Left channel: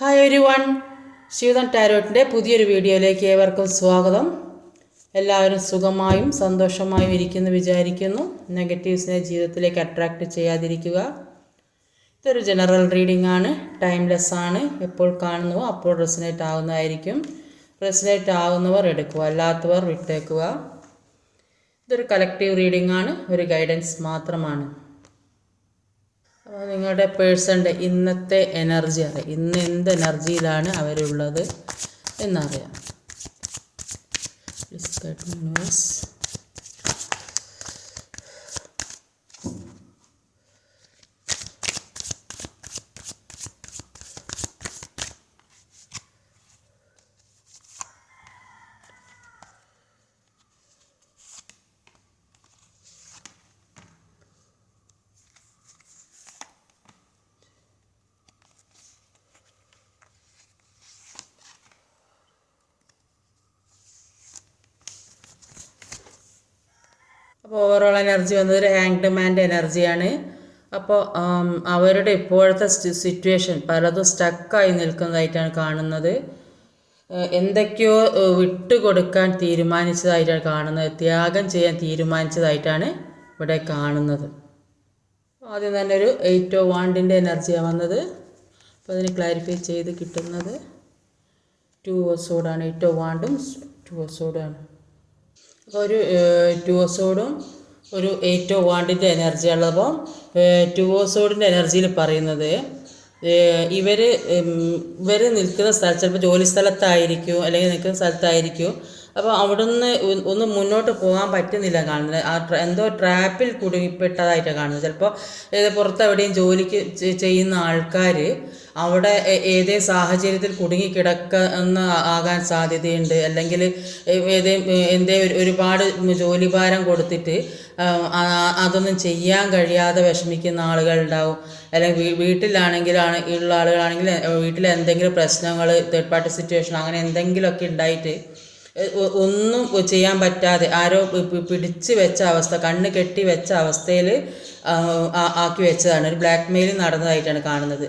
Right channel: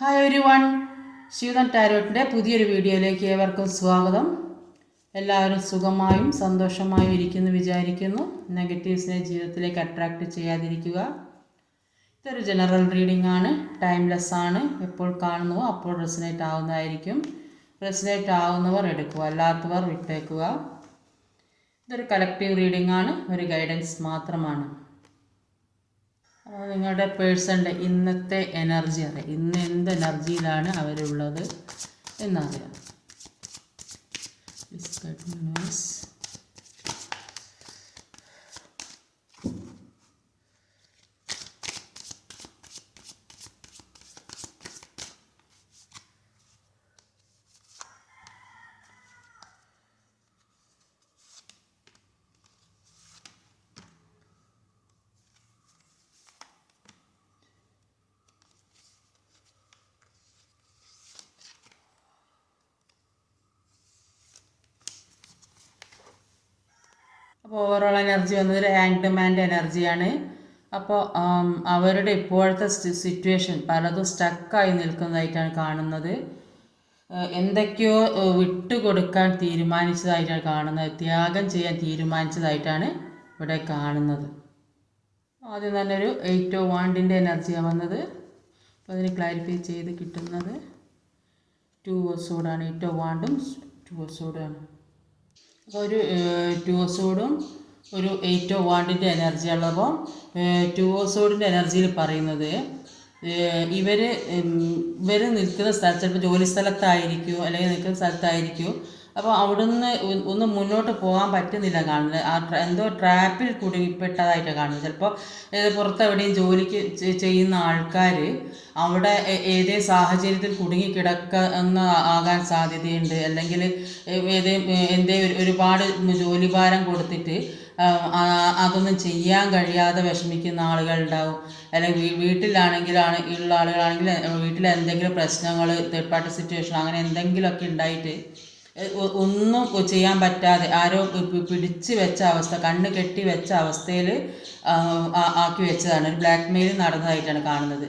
Hi every one, Sheetal ടാരോട്ടിൻ്റെ പുതിയൊരു വീഡിയോയിലേക്ക് ഏവർക്കും സ്വാഗതം. എല്ലാവരും സുഖമായും സന്തോഷമായും ഇരിക്കുന്നു വിചാരിക്കുന്നു. നെഗറ്റീവ്സിനെ ജീവിതത്തിലേക്ക് അട്രാക്റ്റ് ചെയ്യാതിരിക്കുക. ഇതൊരു ജനറൽ റീഡിംഗ് ആണ്, ടൈംലെസ് ആണ്. എപ്പോൾ കാണുന്നുവോ അപ്പോൾ റെസനേറ്റ് ആവുന്നതായിരിക്കും. റെസനേറ്റ് ആവുന്നവർ എടുക്കുക, അല്ലാത്തവർ വിട്ടേക്കുക. ഇതൊരു കളക്റ്റീവ് റീഡിംഗ് ആണ്, ഒരു ഗൈഡൻസ് മാത്രമാണ്. അപ്പോൾ നിങ്ങളുടെ പേഴ്സണിൻ്റെ ഇന്നത്തെ എനർജി അറിയാം, ഇന്ന് എന്ത് എനർജിയിലാണ് അവരുള്ളത് എന്നറിയാം. അപ്പോൾ ഓവറോൾ എനർജി വന്നത് ഒരു ഹാങ്ഡ് മാൻ്റെ എനർജിയാണ്. അപ്പോൾ അവരുടെ ഇപ്പോഴത്തെ സിറ്റുവേഷൻ പലതും സ്റ്റക്കായി നിൽക്കുന്നതായിട്ടാണ് കാണുന്നത്. എന്തൊക്കെയോ വിട്ടുകൊടുക്കാൻ തീരുമാനിച്ചതായിട്ടാണ് കാണുന്നത്, ത്യാഗം ചെയ്യാൻ തീരുമാനിച്ചതായിട്ടാണ് ഇവിടെ കാണുന്നത്. ആദ്യം തന്നെ ഒരു 8 ഓഫ് വാണ്ടിൻ്റെ എനർജിയാണ് വന്നത്. അപ്പോൾ അതിന് ക്ലാരിഫൈ ചെയ്ത് കിട്ടുന്നത് 2 ഓഫ് സോഡാണ്. 8 ഓഫ് വാണ്ടും 2 ഓഫ് സോഡാണ്. അപ്പോൾ ഒരു 2 ഓഫ് സോഡും ഒരു 8 ഓഫ് വാണ്ടിൻ്റെ എനർജി ഉള്ളപ്പോൾ 2 ഓഫ് സോഡിൻ്റെ എനർജിയിൽ പറയുന്നത് ഇവർ നിൽക്കുന്ന സ്ഥലത്ത് ചിലപ്പോൾ ജോലി സ്ഥലത്തായിരിക്കും, അല്ലെങ്കിൽ നിൽക്കുന്ന സ്ഥലത്തായിരിക്കും. അപ്പോൾ അവിടെ നിന്ന് ഒന്ന് മുന്നോട്ട് പോകാൻ പറ്റുന്നില്ല കാണുന്നത്. എന്തോ ട്രാപ്പിൽ കുടുങ്ങിപ്പെട്ടതായിട്ടാണ് കാണുന്നത്. ചിലപ്പോൾ പുറത്ത് എവിടെയും ജോലിക്ക് ചെയ്യുന്ന ആൾക്കാർ അവിടെ ഏതേ സാഹചര്യത്തിൽ കുടുങ്ങിക്കിടക്കുന്ന ആകാൻ സാധ്യതയുണ്ട്. അല്ലെങ്കിൽ ഒരുപാട് ജോലിഭാരം കൊടുത്തിട്ട് അതൊന്നും ചെയ്യാൻ കഴിയാതെ വിഷമിക്കുന്ന ആളുകളുണ്ടാവും. അല്ലെങ്കിൽ ഉള്ള ആളുകളാണെങ്കിൽ വീട്ടിൽ എന്തെങ്കിലും പ്രശ്നങ്ങൾ, തേർഡ് പാർട്ടി സിറ്റുവേഷൻ അങ്ങനെ എന്തെങ്കിലുമൊക്കെ ഉണ്ടായിട്ട് ഒന്നും ചെയ്യാൻ പറ്റാതെ ആരോ പിടിച്ച് വെച്ച അവസ്ഥ, കണ്ണ് കെട്ടി വെച്ച അവസ്ഥയിൽ ആക്കി വെച്ചതാണ്. ഒരു ബ്ലാക്ക് മെയിൽ നടന്നതായിട്ടാണ് കാണുന്നത്.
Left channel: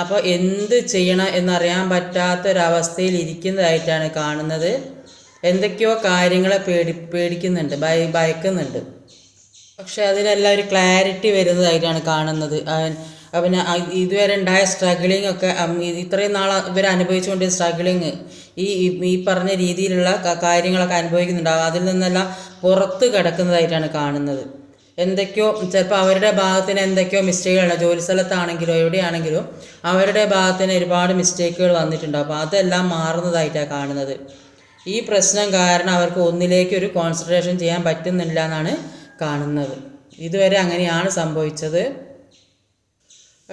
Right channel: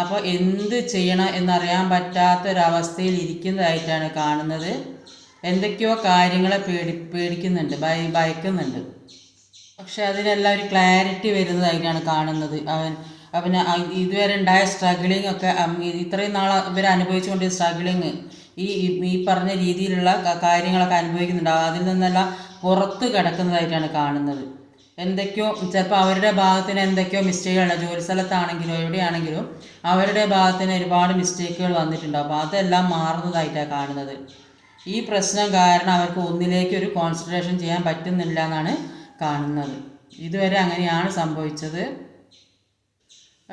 അപ്പോൾ എന്ത് ചെയ്യണം എന്നറിയാൻ പറ്റാത്തൊരവസ്ഥയിൽ ഇരിക്കുന്നതായിട്ടാണ് കാണുന്നത്. എന്തൊക്കെയോ കാര്യങ്ങളെ പേടിക്കുന്നുണ്ട്, ഭയക്കുന്നുണ്ട്. പക്ഷെ അതിനെല്ലാം ഒരു ക്ലാരിറ്റി വരുന്നതായിട്ടാണ് കാണുന്നത്. അവന് ഇതുവരെ ഉണ്ടായ സ്ട്രഗിളിങ് ഒക്കെ ഇത്രയും നാൾ ഇവർ അനുഭവിച്ചുകൊണ്ട് സ്ട്രഗിളിങ് ഈ പറഞ്ഞ രീതിയിലുള്ള കാര്യങ്ങളൊക്കെ അനുഭവിക്കുന്നുണ്ടാവും. അതിൽ നിന്നെല്ലാം പുറത്ത് കിടക്കുന്നതായിട്ടാണ് കാണുന്നത്. എന്തൊക്കെയോ ചിലപ്പോൾ അവരുടെ ഭാഗത്തിന് എന്തൊക്കെയോ മിസ്റ്റേക്കുകളാണ്, ജോലി സ്ഥലത്താണെങ്കിലും എവിടെയാണെങ്കിലും അവരുടെ ഭാഗത്തിന് ഒരുപാട് മിസ്റ്റേക്കുകൾ വന്നിട്ടുണ്ടാവും. അപ്പോൾ അതെല്ലാം മാറുന്നതായിട്ടാണ് കാണുന്നത്. ഈ പ്രശ്നം കാരണം അവർക്ക് ഒന്നിലേക്ക് ഒരു കോൺസെൻട്രേഷൻ ചെയ്യാൻ പറ്റുന്നില്ല എന്നാണ് കാണുന്നത്. ഇതുവരെ അങ്ങനെയാണ് സംഭവിച്ചത്.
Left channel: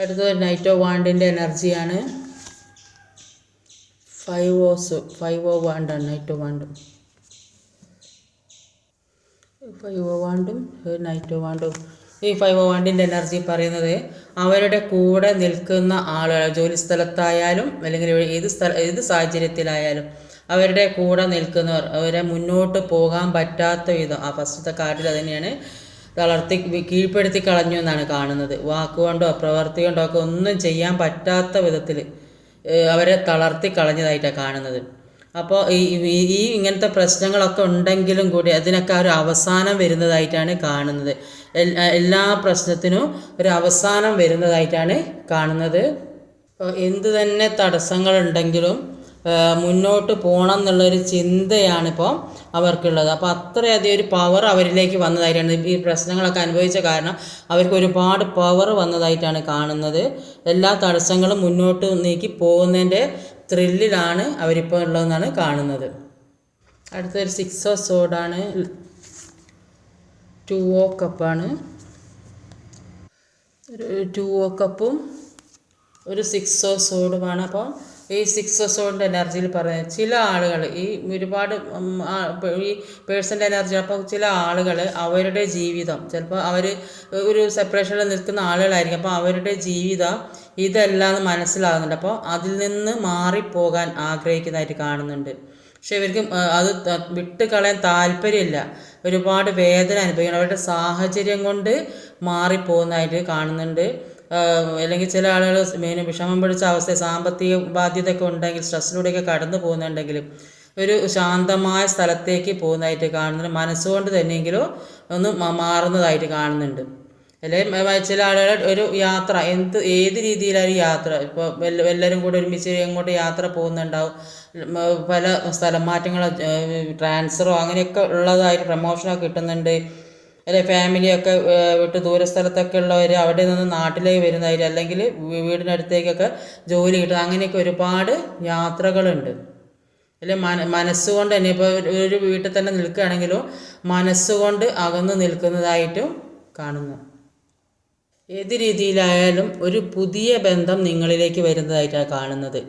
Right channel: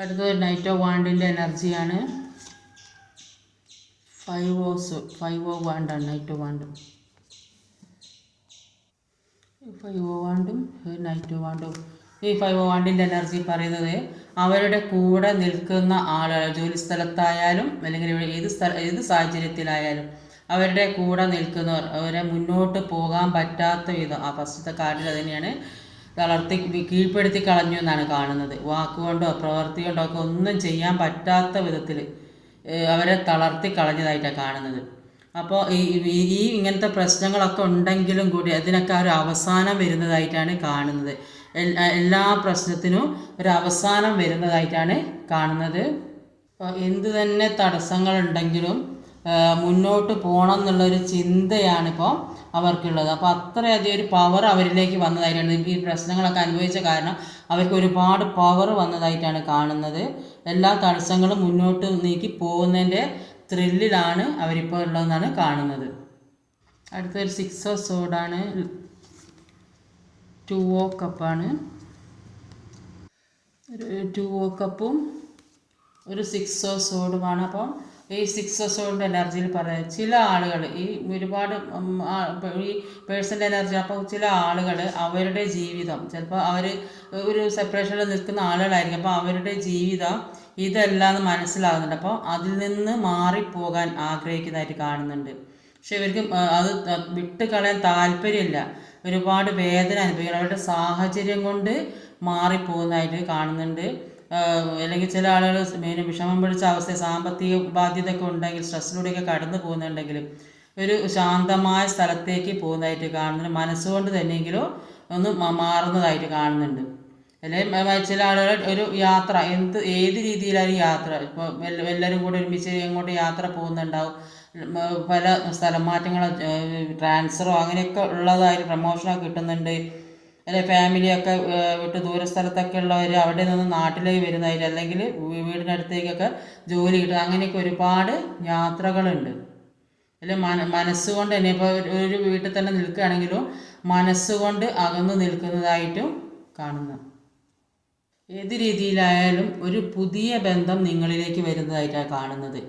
അടുത്തത് നൈറ്റ് ഓഫ് വാണ്ടിൻ്റെ എനർജിയാണ്. 5 ഓഫ് വാണ്ടാണ് നൈറ്റ് ഓഫ് വാണ്ടും. 5 ഓഫ് വാണ്ടും നൈറ്റ് ഓഫ് വാണ്ടും. ഈ 5 ഓഫ് വാണ്ടിൻ്റെ എനർജി പറയുന്നത് അവരുടെ കൂടെ നിൽക്കുന്ന ആളുകൾ, ജോലി സ്ഥലത്തായാലും അല്ലെങ്കിൽ ഏത് സാഹചര്യത്തിലായാലും അവരുടെ കൂടെ നിൽക്കുന്നവർ അവരെ മുന്നോട്ട് പോകാൻ പറ്റാത്ത വിധം, ആ ഫസ്റ്റത്തെ കാർഡിൽ തന്നെയാണ് കീഴ്പ്പെടുത്തി കളഞ്ഞു എന്നാണ് കാണുന്നത്. വാക്കുകൊണ്ടോ പ്രവൃത്തി കൊണ്ടോ ഒക്കെ ഒന്നും ചെയ്യാൻ പറ്റാത്ത വിധത്തിൽ അവരെ തളർത്തി കളഞ്ഞതായിട്ടാണ് കാണുന്നത്. അപ്പോൾ ഈ ഇങ്ങനത്തെ പ്രശ്നങ്ങളൊക്കെ ഉണ്ടെങ്കിലും കൂടി അതിനൊക്കെ ഒരു അവസാനം വരുന്നതായിട്ടാണ് കാണുന്നത്. എല്ലാ പ്രശ്നത്തിനും ഒരു അവസാനം വരുന്നതായിട്ടാണ് കാണുന്നത്. അപ്പോൾ എന്ത് തന്നെ തടസ്സങ്ങളുണ്ടെങ്കിലും മുന്നോട്ട് പോകണം എന്നുള്ളൊരു ചിന്തയാണിപ്പോൾ അവർക്കുള്ളത്. അപ്പോൾ അത്രയധികം ഒരു പവർ അവരിലേക്ക് വന്നതായിട്ടാണ്, ഈ പ്രശ്നങ്ങളൊക്കെ അനുഭവിച്ച കാരണം അവർക്ക് ഒരുപാട് പവർ വന്നതായിട്ടാണ് കാണുന്നത്. എല്ലാ തടസ്സങ്ങളും മുന്നോട്ട് നീക്കി പോകുന്നതിൻ്റെ ത്രില്ലിലാണ് അവരിപ്പോൾ ഉള്ളതെന്നാണ് കാണുന്നത്. അടുത്തൊരു 6 ഓഫ് സോഡാണ്. 2 ഓഫ് കപ്പാണ്. ഒരു 2 ഓഫ് കപ്പും ഒരു 6 ഓഫ് സോഡുമാണ്. അപ്പോൾ ഈ 6 ഓഫ് സോഡിൻ്റെ എനർജിയിൽ പറയുന്നത് ചില ആളുകൾ ഈ ഒരുപാട് ഈ പേഴ്സൻ്റെ എനർജി. അപ്പോൾ ചില ആളുകൾ അവരുടെ ജീവിതം ചിലപ്പോൾ അവർ ഒരു സെപ്പറേഷനിൽ നിൽക്കുന്ന ആളുകളായിരിക്കും. അപ്പോൾ അവരുടെ ജീവിതം ഇതെല്ലാം മനസ്സിലാകുന്നുണ്ട്. അപ്പോൾ അതിൽ നിന്ന് മാറിപ്പോകാൻ ആഗ്രഹിക്കുന്നതായിട്ട് കാണുന്നുണ്ട്. പക്ഷെ ഇവർക്ക് അത് വിട്ട് കളയാൻ താല്പര്യമില്ല. ഒരുപാട് വേദന അനുഭവിക്കണം, അവരുടെ സാഹചര്യം കൊണ്ട് മാറിപ്പോകുന്നതായിട്ട് കാണുന്നുണ്ട്. അല്ലെങ്കിൽ ചില ആളുകൾ മെയിൻ വിഷമം പിടിച്ച അവസ്ഥ സാമ്പത്തിക ബാധ്യതയൊക്കെ ഉണ്ടെങ്കിൽ സ്ട്രെസ്സിലൂടെയൊക്കെ കടന്നു പോകുന്നുണ്ടെങ്കിലും ഒരു ശാന്തമായ സ്ഥലത്തേക്ക് പോകുന്നതായിട്ട് കാണുന്നുണ്ട്. മനസ്സുകൊണ്ട് തന്നെയെങ്കിലോ ഒന്ന് മാറുന്നതായിട്ട് കാണുന്നുണ്ട്. അല്ലെങ്കിൽ ചില ആളുകൾ ഒരു യാത്ര ഏത് രീതിയിലായാലും യാത്ര ഇപ്പോൾ എല്ലാവരും കൂടെ ഒരുമിച്ച് എങ്ങോട്ട് യാത്ര പോകുന്നുണ്ടാവും. പല സ്ഥലം മാറ്റങ്ങളോ ട്രാൻസ്ഫറോ അങ്ങനെയൊക്കെ ഉള്ളതായിട്ട് പ്രമോഷനൊക്കെ കിട്ടുന്നുണ്ട്. അല്ലെ ഫാമിലിയൊക്കെ വിട്ട് ദൂരസ്ഥലത്തൊക്കെ ഉള്ളവർ അവിടെ നിന്ന് നാട്ടിലേക്ക് വരുന്നതായിട്ട് അല്ലെങ്കിൽ വീടിനടുത്തേക്കൊക്കെ ജോലി കിട്ടും. അങ്ങനെയൊക്കെ ഒരുപാട് യാത്രകളുണ്ട്. അല്ലെ മനസ്സുകൊണ്ട് തന്നെ ഇപ്പോൾ ഒരു വീട്ടിൽ തന്നെ നിൽക്കുകയാണെങ്കിലും മനസ്സുകൊണ്ട് അകന്നു നിൽക്കുന്നതായിട്ടും കാണുന്നു. ഏത് രീതിയിലായാലും ഒരു പുതിയ ബന്ധം നിങ്ങളിലേക്ക് വരുന്നതായിട്ടാണ് കാണുന്നത്.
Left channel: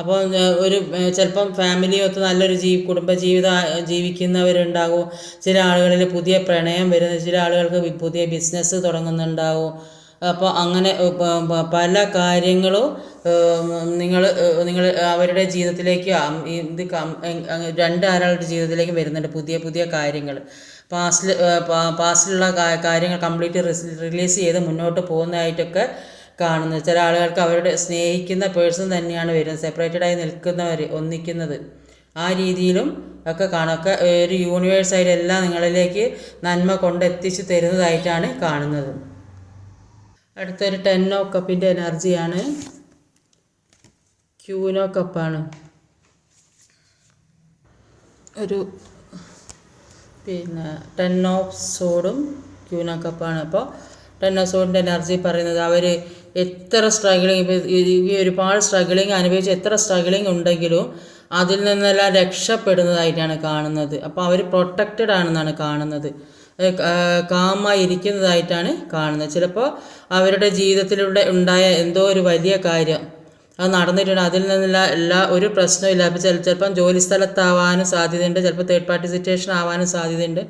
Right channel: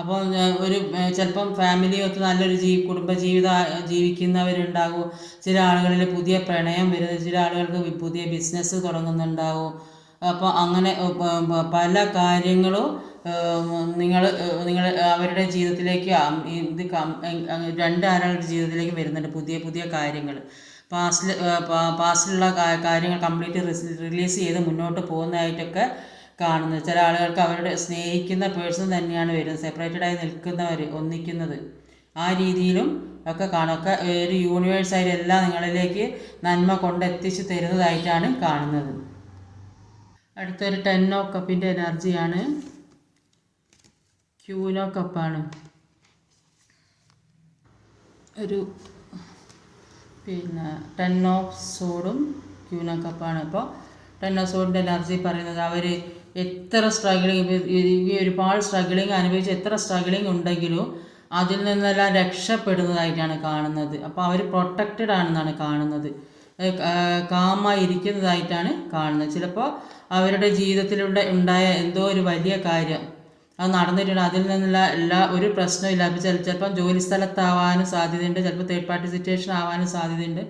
അപ്പോൾ ഒരു ചിലപ്പം ഫാമിലിയൊത്ത് നല്ലൊരു കുടുംബജീവിതം ജീവിക്കുന്നവരുണ്ടാകും. ചില ആളുകളിൽ പുതിയ പ്രണയം വരുന്ന, ചില ആളുകൾക്ക് പുതിയ ബിസിനസ് തുടങ്ങുന്നുണ്ടാവും. അപ്പോൾ അങ്ങനെ പല കാര്യങ്ങളും നിങ്ങൾ അവരുടെ ജീവിതത്തിലേക്ക് രണ്ടാളുടെ ജീവിതത്തിലേക്ക് വരുന്നുണ്ട്. പുതിയ പുതിയ കാര്യങ്ങൾ പാസ്റ്റിലുള്ള കാര്യങ്ങൾ കംപ്ലീറ്റ് റിലീസ് ചെയ്ത് മുന്നോട്ട് പോകുന്നതായിട്ടൊക്കെ കാണുന്നത്. ചില ആളുകൾക്ക് അവരുടെ സ്നേഹിക്കുന്ന പേഴ്സൺ തന്നെയാണ് വരുന്നത്, സെപ്പറേറ്റഡായി നിൽക്കുന്നവർ ഒന്നിക്കുന്നത്. ആ രീതിയിലും ഒക്കെ കാണാം. ഒരു യൂണിവേഴ്സായിട്ട് എല്ലാം നിങ്ങളിലേക്ക് നന്മ കൊണ്ടെത്തിച്ച് തരുന്നതായിട്ടാണ് കാണുന്നത്. അടുത്തൊരു 10 ഓഫ് കപ്പിൻ്റെ എനർജിയാണ്. ക്യൂൻ ഓഫ് കപ്പാണ്. ഒരു 10 ഓഫ് സോഡും ക്യൂൻ ഓഫ് കപ്പാണ്. അപ്പോൾ 10 ഓഫ് സോഡിൻ്റെ എനർജി പറയുന്നത് അവർ എത്ര സ്ട്രഗിളിങ്, ഈ ഒരുപാട് സ്ട്രഗിളിങ് അനുഭവിച്ച് എത്ര സ്ട്രഗിളിങ് ഉണ്ടെങ്കിലും അതിൽ നിന്നെല്ലാം രക്ഷപ്പെടുന്നതായിട്ടാണ് കാണുന്നത്. അപ്പോൾ അവർ പ്രൊട്ടക്റ്റഡ് ആണെന്നാണ് കാണുന്നത്. കാമായി ഇരിക്കുന്നതായിട്ടാണ് കാണുന്നത്. ചിലപ്പോൾ അവരുടെ ജീവിതത്തിലൂടെ ഉണ്ടായ എന്തോ ഒരു വലിയ കാര്യം അത് നടന്നിട്ടുണ്ട്. അതിൽ നിന്നുള്ള ഒരു പ്രശ്നമില്ല. അപ്പോൾ ചിലപ്പം ജോലി സ്ഥലത്താവാനും സാധ്യതയുണ്ട്, ചിലപ്പോൾ തേർഡ് പാർട്ടി സിറ്റുവേഷൻ ആവാനും സാധ്യതയുണ്ട്.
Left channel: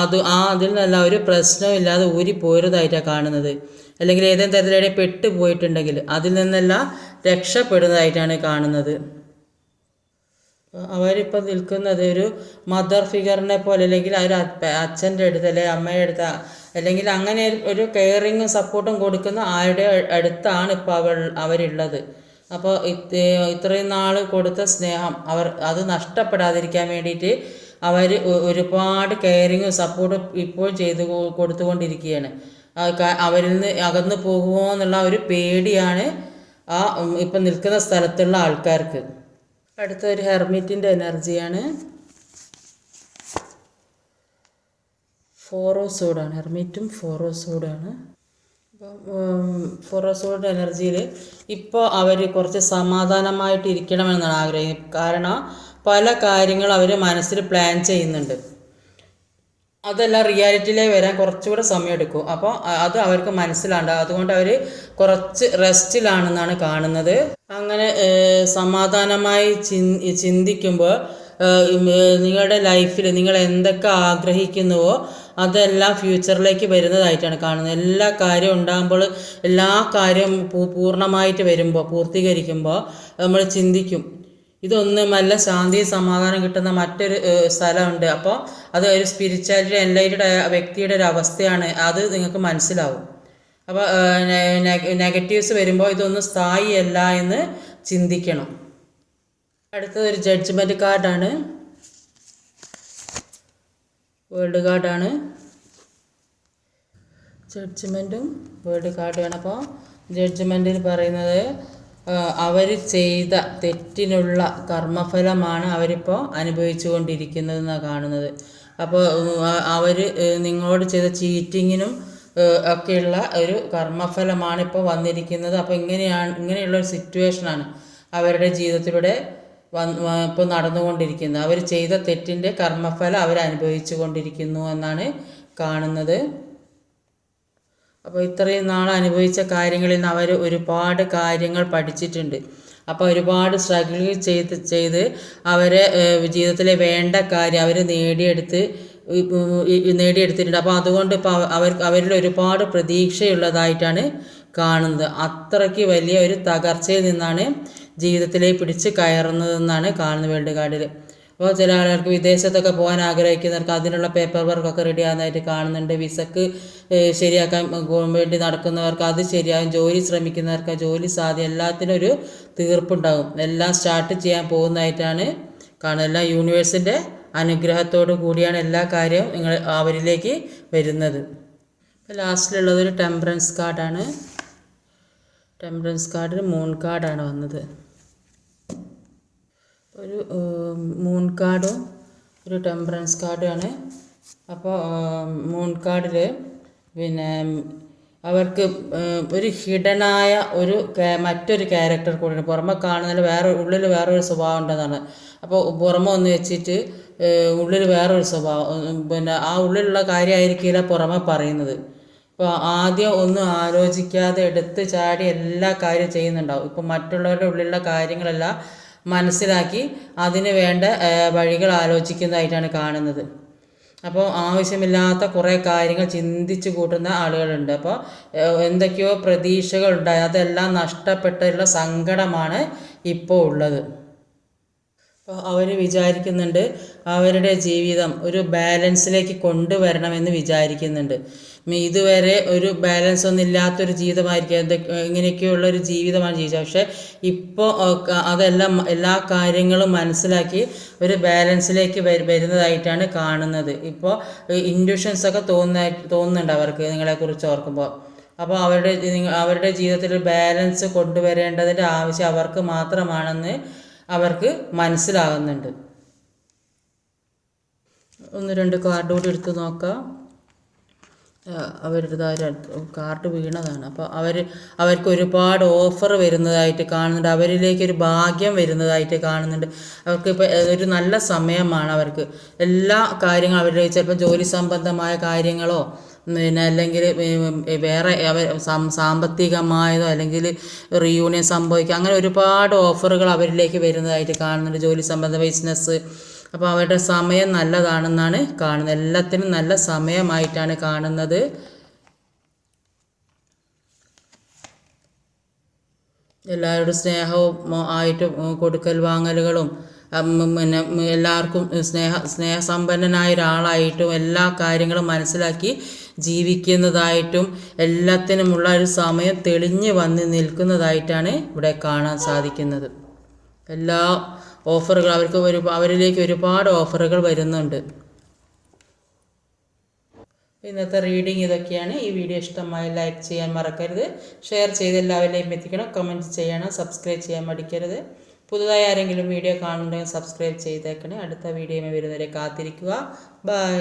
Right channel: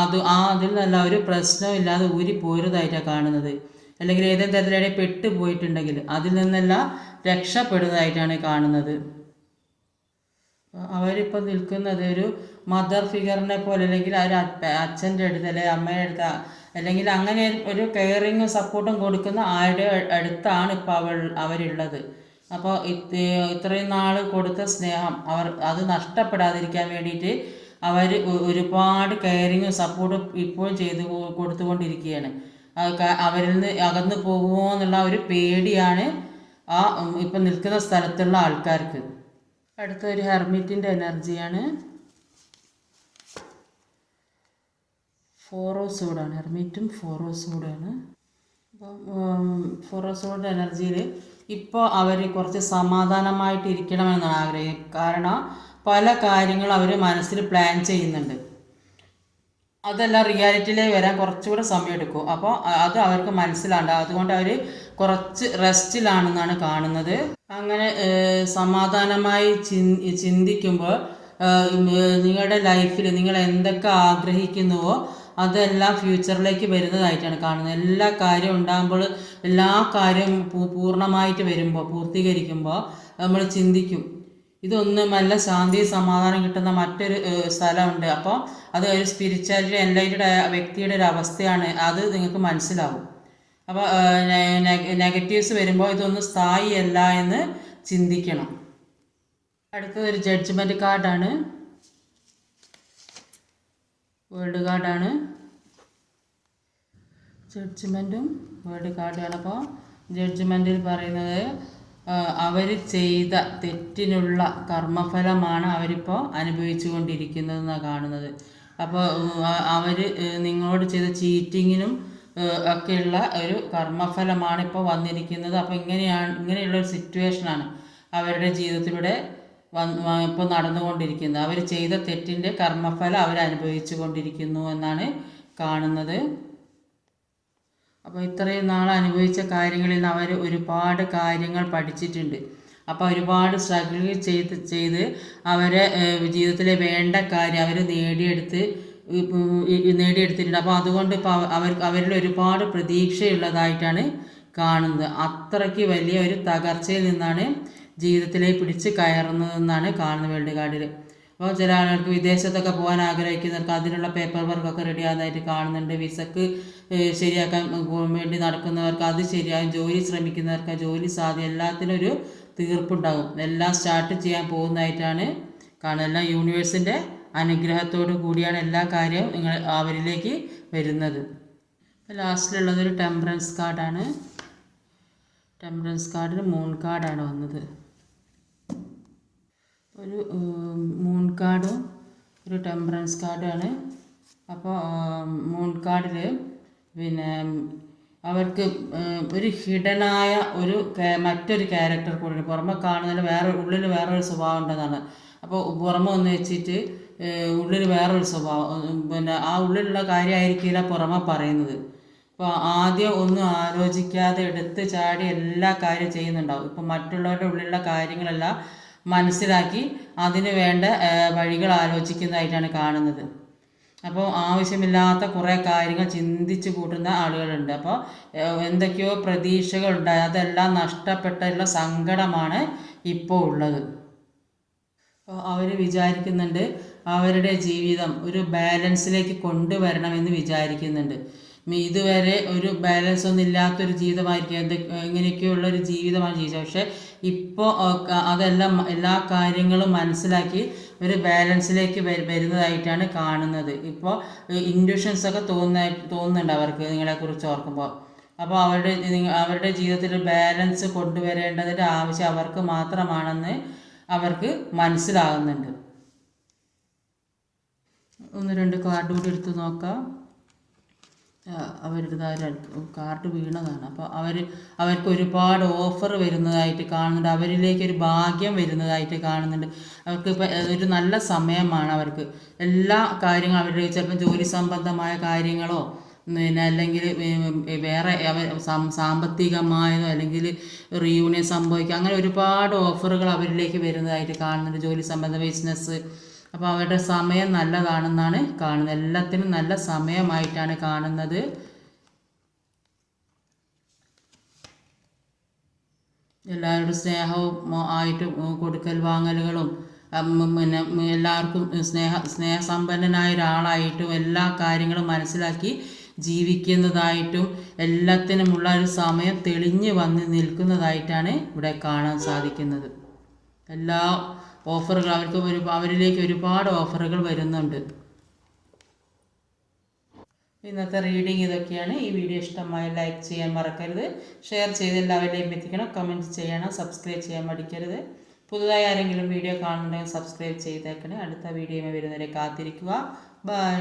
അതിൽ നിന്നല്ല ഒരു പ്രശ്നമില്ലാതെ ഊരി പോരുന്നതായിട്ടാണ് കാണുന്നത്. അല്ലെങ്കിൽ ഏതെങ്കിലും തരത്തിലിടെ പെട്ടുപോയിട്ടുണ്ടെങ്കിൽ അതിൽ നിന്നെല്ലാം രക്ഷപ്പെടുന്നതായിട്ടാണ് കാണുന്നത്. അവരിപ്പോൾ നിൽക്കുന്നത് ഒരു മദർ ഫിഗറിനെ പോലെ, അല്ലെങ്കിൽ ഒരു അച്ഛൻ്റെ അടുത്ത് അല്ലെങ്കിൽ അമ്മയുടെ അടുത്ത്, അല്ലെങ്കിൽ അങ്ങനെ ഒരു കെയറിങ്ങും സപ്പോർട്ടും കൊടുക്കുന്ന ആരുടെ അടുത്താണ് ഇപ്പോൾ അവരുള്ളത്. അപ്പോൾ ഇത്രയും നാൾ കൊടുത്ത സ്നേഹം അത് നഷ്ടപ്പെടാതിരിക്കാൻ വേണ്ടിയിട്ട് അവർ ഒരുപാട് കെയറിങ്ങും സപ്പോർട്ടും ഇപ്പോൾ കൊടുത്തുകൊണ്ടിരിക്കുകയാണ്. അവരിൽ നിന്ന് അകന്നു പോകുമോ എന്നുള്ള ഒരു പേടിയാണ് ഇപ്പം നിൽക്കുന്ന സ്ഥലത്തുള്ള ആൾക്കാർക്ക്. അടുത്തൊരു ഹെർമിറ്റിൻ്റെ എനർജിയാണ്. 4 ഓഫ് സോഡാണ്. ഹെർമിറ്റും 4 ഓഫ് സോഡാണ്. അപ്പം 4 ഓഫ് സോഡിൻ്റെ എനർജിയിൽ ഇപ്പോൾ അവർ കുറച്ച് സമാധാനമായിട്ട് ഇരിക്കണമെന്നാണ് ആഗ്രഹം. കാരണം പല കാര്യങ്ങളും അവർ മനസ്സിൽ പ്ലാൻ ചെയ്യുന്നുണ്ട്. അതെല്ലാം റിയാലിറ്റിയിലേക്ക് വരാൻ കുറച്ചുകൂടെ സമയമെടുക്കും. അപ്പോൾ അത് അവർക്ക് മനസ്സിലാണ്ട്, അതുകൊണ്ട് അവർ കുറച്ച് റെസ്റ്റിലാണെന്നാണ് കാണുന്നത്. അങ്ങനെ സമാധാനമായി ചിന്തിക്കുമ്പോൾ നിങ്ങളുടെ ലൈഫിൽ നിങ്ങൾ എന്തൊക്കെ ആഗ്രഹിക്കുന്നുവോ അതെല്ലാം ഫ്യൂച്ചറിലേക്ക് വരുന്നതായിട്ടാണ് കാണുന്നത്. എല്ലാ കാര്യവും ഉണ്ടാകുമ്പോൾ, എല്ലാ കാര്യവും പൂർണ്ണമായിട്ട് വരുമ്പോൾ, പൂർത്തീകരിക്കുമ്പോൾ നമ്മൾ ചിന്തിക്കും ഇതൊന്നുമല്ല ശാന്തി സമാധാനം കിട്ടുന്ന മറ്റൊരു സ്ഥലമുണ്ട്. അപ്പോൾ അത് ഒരു സ്പിരിച്വാലിറ്റി എൻലൈറ്റഡ് വ്യക്തിയുടെ ഒരു അവസ്ഥയാണ്. അത് നിങ്ങൾക്ക് മനസ്സിലാവും. അപ്പോൾ നെഗറ്റീവ്സ് വരുമ്പോൾ ഇതൊന്നും സ്ഥായിയല്ല എന്ന് ചിന്തിക്കണം. അടുത്തത് ഒരു ജഡ്ജ്മെൻറ്റ് കാർഡാണ്. വേൾഡ് കാർഡാണ്. ജഡ്ജ്മെൻറ്റും വേൾഡ് കാർഡാണ്. അപ്പോൾ ജഡ്ജ്മെൻറ്റിൽ പറയുന്നത് അവർ ചെയ്ത തെറ്റിനുള്ള കർമ്മഫലമാണ് അവരിപ്പോൾ അനുഭവിച്ചു കൊണ്ടിരിക്കുന്നതെന്നാണ് കാണുന്നത്. അപ്പോൾ അവർ നിങ്ങളോട് ചെയ്ത ചീറ്റിങ്ങിനും ഒക്കെയുള്ള ഒരു കർമ്മഫലമാണ് ഇപ്പോൾ വന്നിരിക്കുന്നത്. അപ്പോൾ ഇങ്ങനെയുള്ളൊരു സിറ്റുവേഷനാണ് അവരുടെ ജീവിതത്തിലൂടെ ഇപ്പോൾ നടന്നുകൊണ്ടിരിക്കുന്നത്. അവർ ചെയ്ത തെറ്റിൻ്റെ കർമ്മഫലം അവർ അനുഭവിച്ചു കൊണ്ടിരിക്കുന്നു എന്നാണ് കാണുന്നത്. അപ്പോൾ ഇത്രയും നാൾ അനുഭവിച്ച കാര്യങ്ങളിൽ നിന്ന് അവർ ഒരുപാട് കാര്യങ്ങൾ പഠിച്ചിട്ടുണ്ട്. അപ്പോൾ ഒരുപാട് സ്ട്രഗിൾ ചെയ്ത് അവരെ ജീവിതത്തിലെ വേണ്ട കാര്യം അവർ നേടിയെടുത്തിട്ടുണ്ട്. അപ്പോൾ അതുകൊണ്ട് ഇപ്പോൾ അവരിൽ ഒരുപാട് പ്രതീക്ഷയുള്ളതായിട്ടാണ് കാണുന്നത്. അത്രയ്ക്ക് വലിയ ഒരു തകർച്ചയിൽ നിന്നാണ് ജീവിതത്തിലേക്ക് പിടിച്ച് കയറുന്നതെന്നാണ് കാണുന്നത് വേൾഡ് കാർഡിൽ. അപ്പോൾ ചില ആളുകൾക്ക് വിദേശത്തൊക്കെ പോകാൻ ആഗ്രഹിക്കുന്നവർക്ക് അതിനുള്ള പേപ്പർ വർക്കൊക്കെ റെഡി ആകുന്നതായിട്ട് കാണുന്നുണ്ട്. വിസക്ക് ശരിയാക്കാൻ വേണ്ടി നടക്കുന്നവർക്ക് അത് ശരിയാകും. ജോലി ശ്രമിക്കുന്നവർക്ക് ജോലി സാധ്യത എല്ലാത്തിനും ഒരു തീർപ്പുണ്ടാകും. എല്ലാം സ്റ്റാർട്ട് ചെയ്യാൻ പോകുന്നതായിട്ടാണ് കാണുന്നത്. എല്ലാം യൂണിവേഴ്സിൻ്റെ അനുഗ്രഹത്തോടു കൂടിയാണ് എല്ലാ കാര്യവും അവരിലേക്ക് വരുന്നത്. ലാസ്റ്റിലുള്ളത് ഒരു ടെമ്പറൻസ് കാർഡാണ്. ടെമ്പറൻസ് കാർഡിൽ മൂൺ കാർഡാണ് വന്നത്. ഒരു മൂൺ കാർഡും ഒരു ടെമ്പറൻസ് കാർഡാണ്. അപ്പോൾ മൂൺ കാർഡിൽ പിന്നെ അവർക്ക് ഒരു ഹിഡനായ ഒരു മറ്റൊരു ക്യാരക്ടർ കൂടിയാണ്. പുറമെ കാണുന്നതിൽ ഉള്ളിൽ വേറൊരു സ്വഭാവം ഉണ്ടെന്നാണ്. അപ്പോൾ പുറമെ ഒന്ന് വെച്ചിട്ട് ഉള്ളിൽ വേറൊരു സ്വഭാവം, പിന്നെ ആ ഉള്ളിലുള്ള കാര്യമായിരിക്കില്ല പുറമെ പറയുന്നത്. അപ്പോൾ ആദ്യം ഒന്നും ആലോചിക്കാതെ എടുത്ത് ചാടി എല്ലാ കാര്യം ചെയ്യുന്നുണ്ടാവും. ഇപ്പം മറ്റുള്ളവരുടെ ഉള്ളിലുള്ള കാര്യങ്ങളെല്ലാം മനസ്സിലാക്കി അതിന് വേണ്ട വഴികൾ ആലോചിക്കുന്നതായിട്ടാണ് കാണുന്നത്. അപ്പോൾ ആവശ്യമില്ലാത്ത കുറേ കാര്യങ്ങൾ ചിന്തിച്ച് കൂട്ടുന്ന ആളുകളുണ്ട്. അപ്പോൾ എന്തൊക്കെയോ പ്രതീക്ഷകളുണ്ടായി, അതെല്ലാം നഷ്ടപ്പെട്ടുള്ള സങ്കടമാണ് ഇപ്പോൾ ഉള്ളത്. അപ്പോൾ അവർ വിചാരിക്കുന്നുണ്ട് അവരുടെ ജീവിതം ഒരു ബാലൻസിലേക്ക് കൊണ്ടുവരണമെന്ന് വിചാരിക്കുന്നുണ്ട്. ഇതുവരെ ഒരു ബാലൻസ് ഒന്നും ഇല്ലാത്തൊരു ജീവിതമായിരിക്കും, ഇങ്ങനെയൊക്കെയുള്ളൊരു ജീവിതമാണ് ജീവിച്ചത്. പക്ഷേ ഇപ്പോൾ അതെല്ലാം എല്ലാ കാര്യങ്ങളും മനസ്സിലാക്കി ഒരു ബാലൻസിലേക്ക് വരുന്നതായിട്ടാണ് കാണുന്നത്. ഇപ്പോൾ ഇൻഡ്യൂഷൻസൊക്കെ തോന്നുന്നുണ്ട് അവർക്ക് നിങ്ങളെക്കുറിച്ച് ഓർക്കുമ്പോൾ. അപ്പോൾ അവരുടെ ജീവിതത്തിൽ ബാലൻസ് കൊണ്ടുവരേണ്ടതിൻ്റെ ആവശ്യം അവർക്ക് മാത്രമാണെന്ന് അവർക്ക് മനസ്സിലാകുന്നുണ്ട്. ഒന്ന് രണ്ട് കാർഡ് കൂടി എടുത്ത് നോക്കാം. അവരുടെ കാർഡ് വീണതാണ്. അപ്പോൾ അവർക്ക് ഒരുപാട് ഓഫർ വരുന്നതായിട്ട് കാണുന്നുണ്ട്. അവരിലേക്കൊരു ഭാഗ്യം വരുന്നതായിട്ട് കാണുന്നുണ്ട്. അവർക്കിപ്പോൾ ഒരു നല്ല സമയമാണ്. അവർക്ക് എല്ലാ കാര്യങ്ങളും അവരുടെ ചിലപ്പോൾ ജോലി സംബന്ധമായ കാര്യങ്ങളോ പിന്നെ അല്ലെങ്കിൽ വേറെ സാമ്പത്തികമായതോ അല്ലെങ്കിൽ റീയൂണിയൻ സംഭവിക്കുക, അങ്ങനെ ഒരുപാട് ഓഫറുകൾ അവരിലേക്ക് വരുന്നതായിട്ട് കാണുന്നുണ്ട്. ജോലി സംബന്ധ ബിസിനസ്. അപ്പോൾ അവരുടെ സമയം നല്ലതാണെന്നാണ് കാണുന്നത്. എല്ലാത്തിനും നല്ല സമയമായിട്ടാണ് കാണുന്നത്. എല്ലാവരോടും സ്നേഹവും ആയിട്ട് കൊടുക്കൽ വാങ്ങലുകളും പിന്നെ എല്ലാവർക്കും സ്നേഹസമ്പന്നനായ ഒരാളായിട്ടും എല്ലാ കാര്യങ്ങളും മനസ്സിലാക്കി ജീവിക്കുന്നതായിട്ടും എല്ലാത്തിനുമുള്ള ഒരു സമയം തെളിഞ്ഞ് വന്ന് നിൽക്കുന്നതായിട്ടാണ് ഇവിടെ കാണാൻ സാധിക്കുന്നത്. എല്ലാ ഓഫറുകൾ അവരിലേക്ക് ഒരുപാട് ഓഫറുകൾ വരുന്നുണ്ട്. ഇന്നത്തെ റീഡിങ് ഇതൊക്കെയാണ്. ഈ വീഡിയോ ഇഷ്ടമായി ലൈക്ക് ചെയ്യാൻ മറക്കരുത്. ഷെയർ ചെയ്ത് എല്ലാവരിലേക്കും എത്തിക്കണം. കമൻറ്റ് ചെയ്യണം. സബ്സ്ക്രൈബ് ചെയ്യാൻ മടിക്കരുത്. പുതുതായി ആരെങ്കിലും വീഡിയോ കാണുന്നുണ്ടെങ്കിൽ സബ്സ്ക്രൈബ് ചെയ്തേക്കണേ. അടുത്ത വീഡിയോയുമായി വരുന്നവരെ കാത്തിരിക്കുക. ബൈ.